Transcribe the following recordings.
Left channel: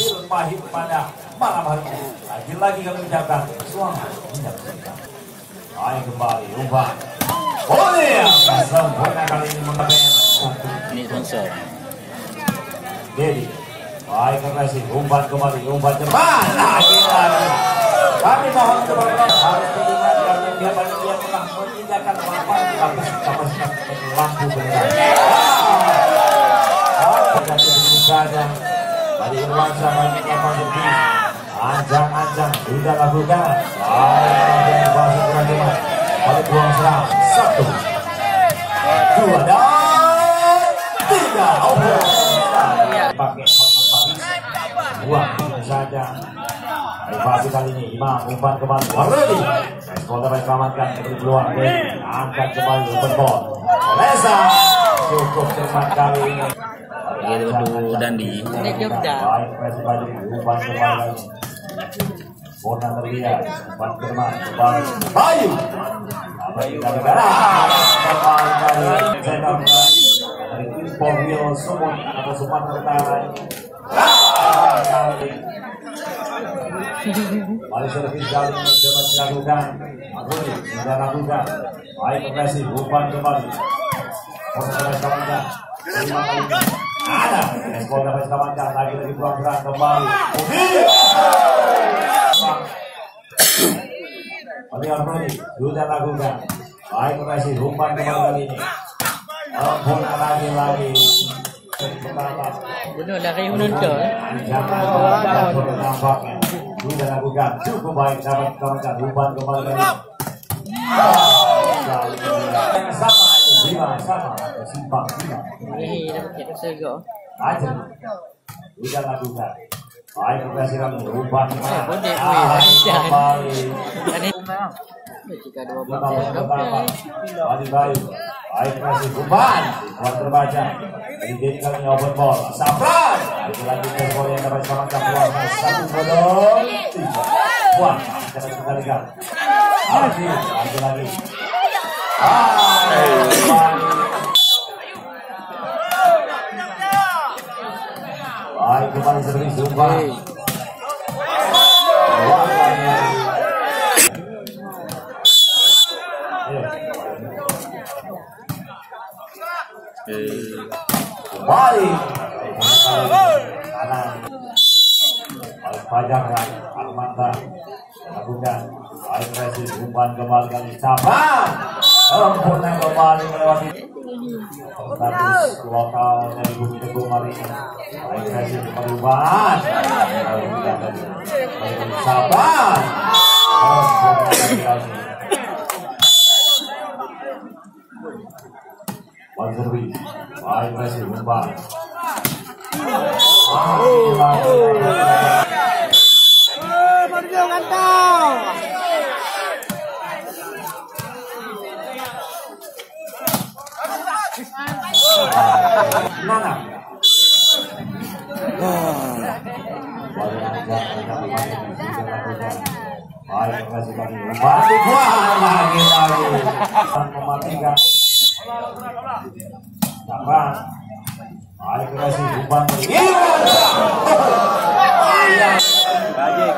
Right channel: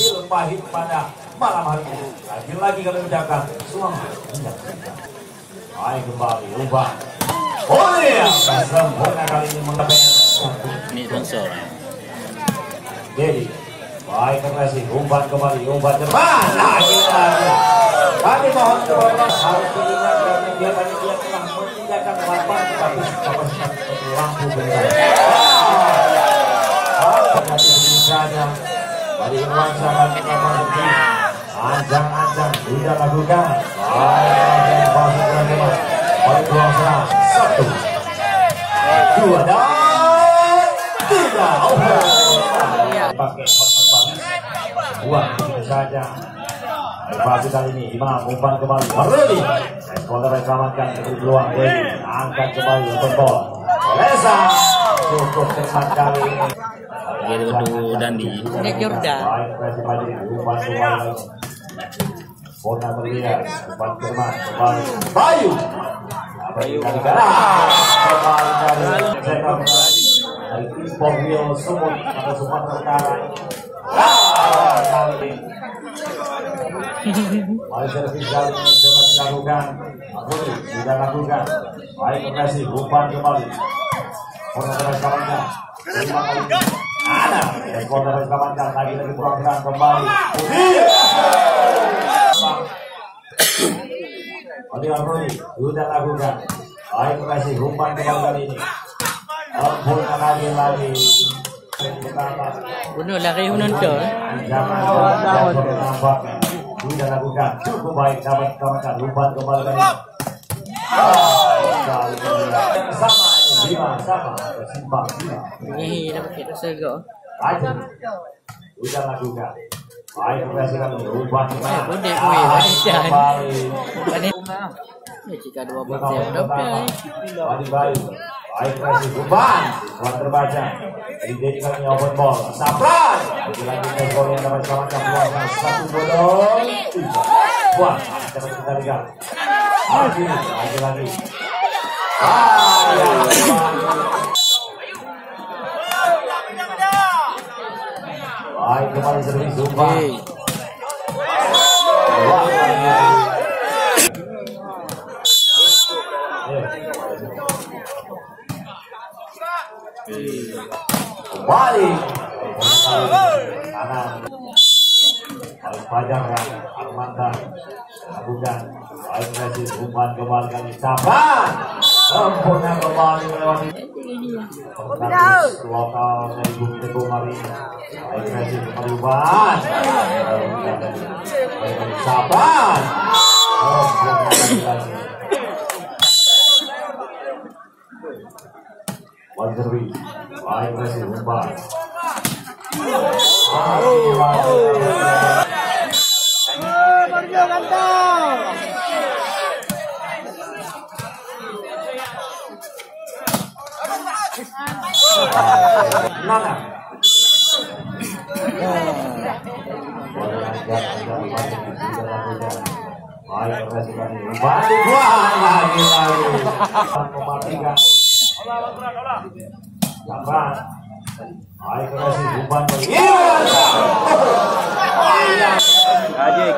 Pahit pada malam hari ini. Lagi-lagi kami ucapkan selamat menyaksikan. Baik kembali ubah. Boleh sempurna kali ini mengatakan ini sponsor. Jadi baik kasih umpan kembali mana kami mohon kepada harus mendengarkan dia dari dia telah meninggalkan lapangan tapi kapasitas lampu benar. Dari Indonesia Anjang sudah lakukan Anjang bahasa Indonesia oleh kuasa 1 2 dan 3 pakai buat itu saja Evasi kali ini Imam umpan kembali Maruli Sekolah rekamankan keperluan angkat kembali untuk gol Reza cukup cepat kali ini Gitu Dandi. Ini Jordan. Bona terlihat, Bayu. Ada ekspor dapat selamatkan lagi kurang kembali. Harmoni sudah lakukan. Baik kasih umpan kembali ini. Lagi. Benar lagi menonton. Bangun. Sudah lakukan. Cukup baik dapat selamatkan umpan kembali ini. Sama bersimpang silang. Ini dapat kita sego. Aja. Sudah lakukan. Baik presiden berubah. Boleh ini jika dua bagian dapat. Baik presiden beban. Buat terbaca. Ini kami open ball. Sampai. Lagi gol yang dapat selamatkan 1 gol. Wah, dapat kembalikan. Lagi. Baik kembali sering sumpah. Baik. Harus pajak Armanda lakukan. Agresi umpan kembali kali capan. Sempurna kembali lewat status lokal dari Bumi Teguh hari ini. Agresi perubahan. Capan. Wanderwi. Agresi umpan.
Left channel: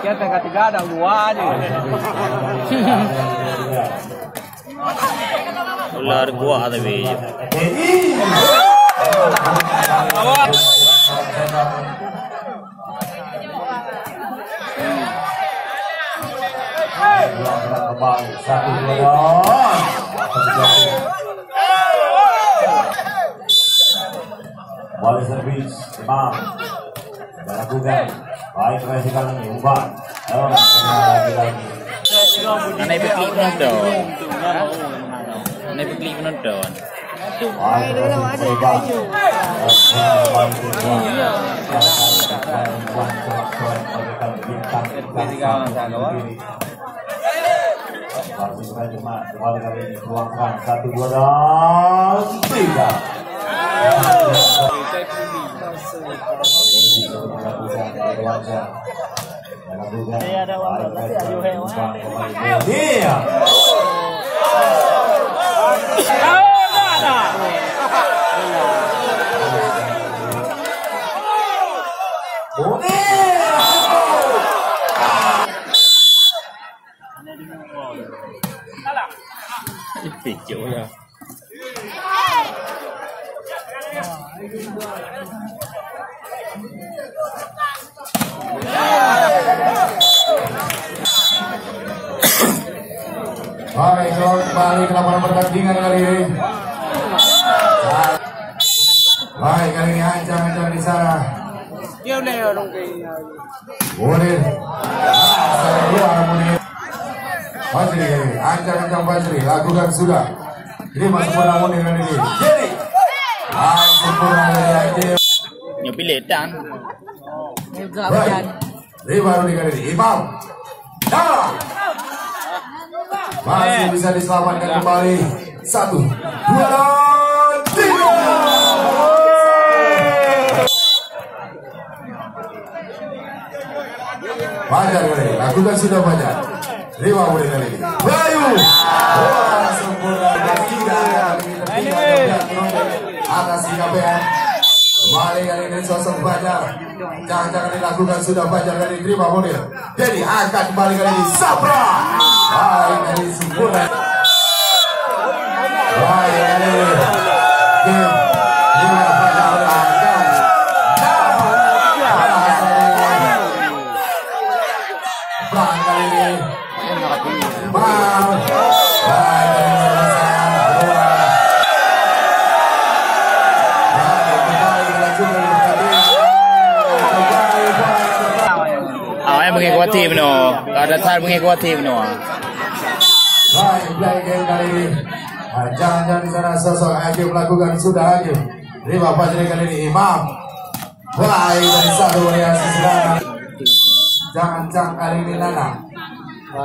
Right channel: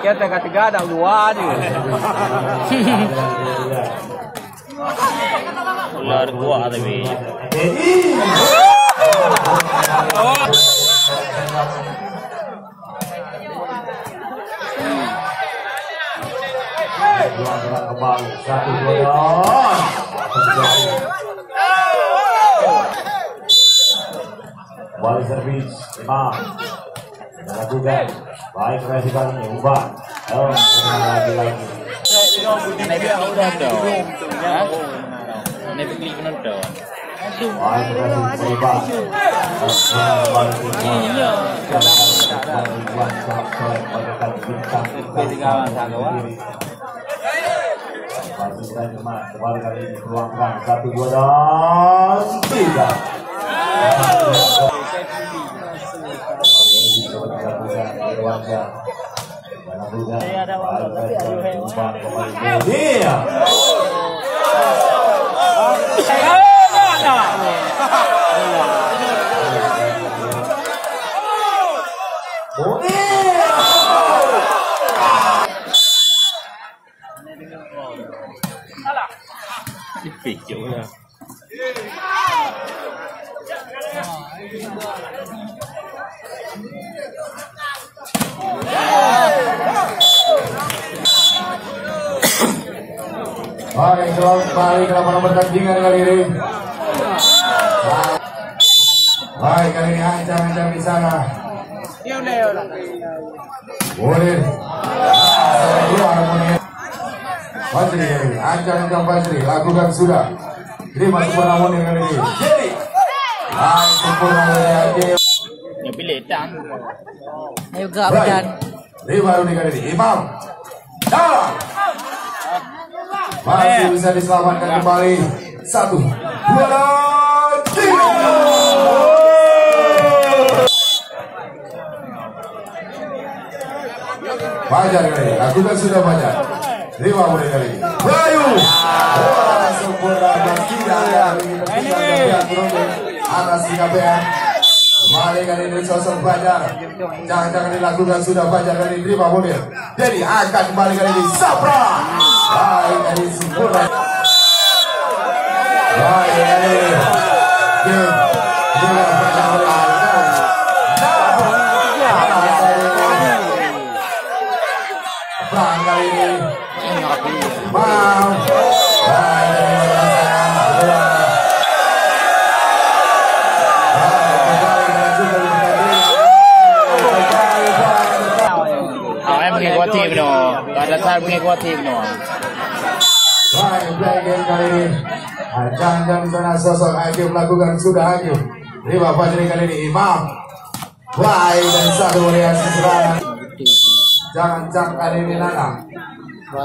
Kita ketiga ada dua nih. Ular gua tapi. Ball service, Imam melakukan baik vertikal ini ubah. Lagi. Ini bikin nonton. Ini bikin nonton. Baik vertikal ubah. Kembali kali ini tuangkan 1 2 dan 3. Pikir lah. Baik, kembali dalam pertandingan kali ini. Baik, kali ini ancam-ancam di sana. Boleh. Fajri, ancam-ancam Fajri, lakukan sudah. Terima sempurna Munir kali ini. Baik, sempurna Munir. Yang pilih dan. Ayo gak dan. Terima Munir kali ini. Imam. Dah. Masih bisa diselamatkan kembali. 1, 2, 3. Fajar kali, lakukan sudah Fajar. 5 menit kali. Bayu. Sempurna atas Singapura. Kembali kali ini sosok Fajar. Jangan dilakukan sudah Fajar kali ini 5 menit. Jadi akan kembali kali ini Sapra. Baik kali sempurna. Baik ini. Tim no, ada tar mengikuti tim no. Baik, kali ini jangan di sana sosok Agim melakukan sudah Agim. Terima Fajri kali ini Imam. Baik dan satu variasi serangan. Jangan kali ini Nana.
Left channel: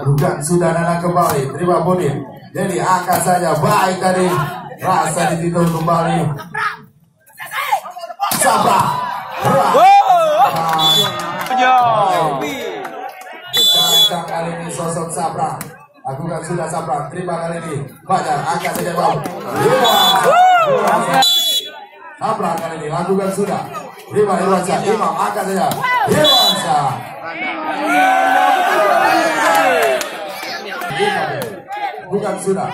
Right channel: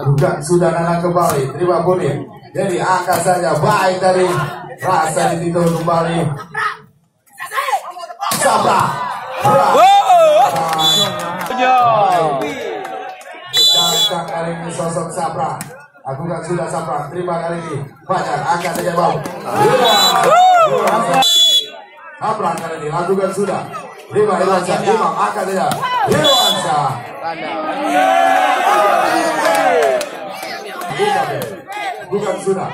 Bukan sudah Nana kembali. Terima Munir. Jadi angkat saja. Baik dari rasa dititul kembali. Sabah. Jangan kali ini sosok Sabra. Lakukan sudah Sabra. Terima kali ini Fajar angkat saja bau. Sabra kali ini lakukan sudah. Terima Irwansyah. Imam angkat saja. Irwansyah. Bukan sudah.